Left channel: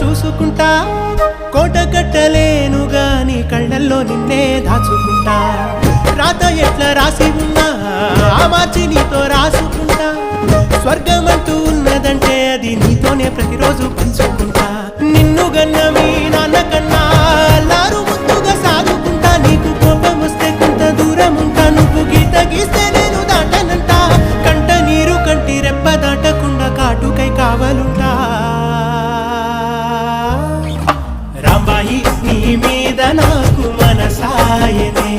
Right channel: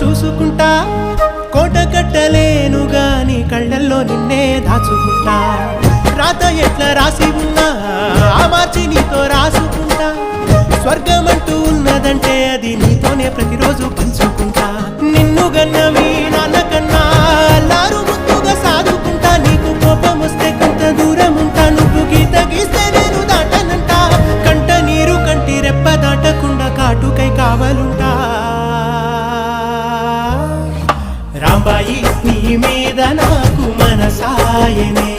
చూసుకుంటా కోట కట్టలేను గాని కళ్ళల్లో నిన్నే దాచుకుంటా రాత ఎట్లా రాసి ఉన్నా ఆ మార్చి నీతో రాసుకుంటా స్వర్గమంటూ ఉన్నదంటే అది నీతోనే ప్రతిరోజు పంచుకుంటా నిన్ను గన్నవి నాన్నకన్నా అల్లారు ముద్దుగా సాదుకుంటా నీకు కోపం వస్తే కొంత దూరం ఉంటా నువ్వు గీత గీస్తే నేను దాటనంటా కంట నీరు కంటి రెప్ప దాటకుండా కాటుకై కావలుంటా రాంబాయి నీ మీద నాకు మనసాయనే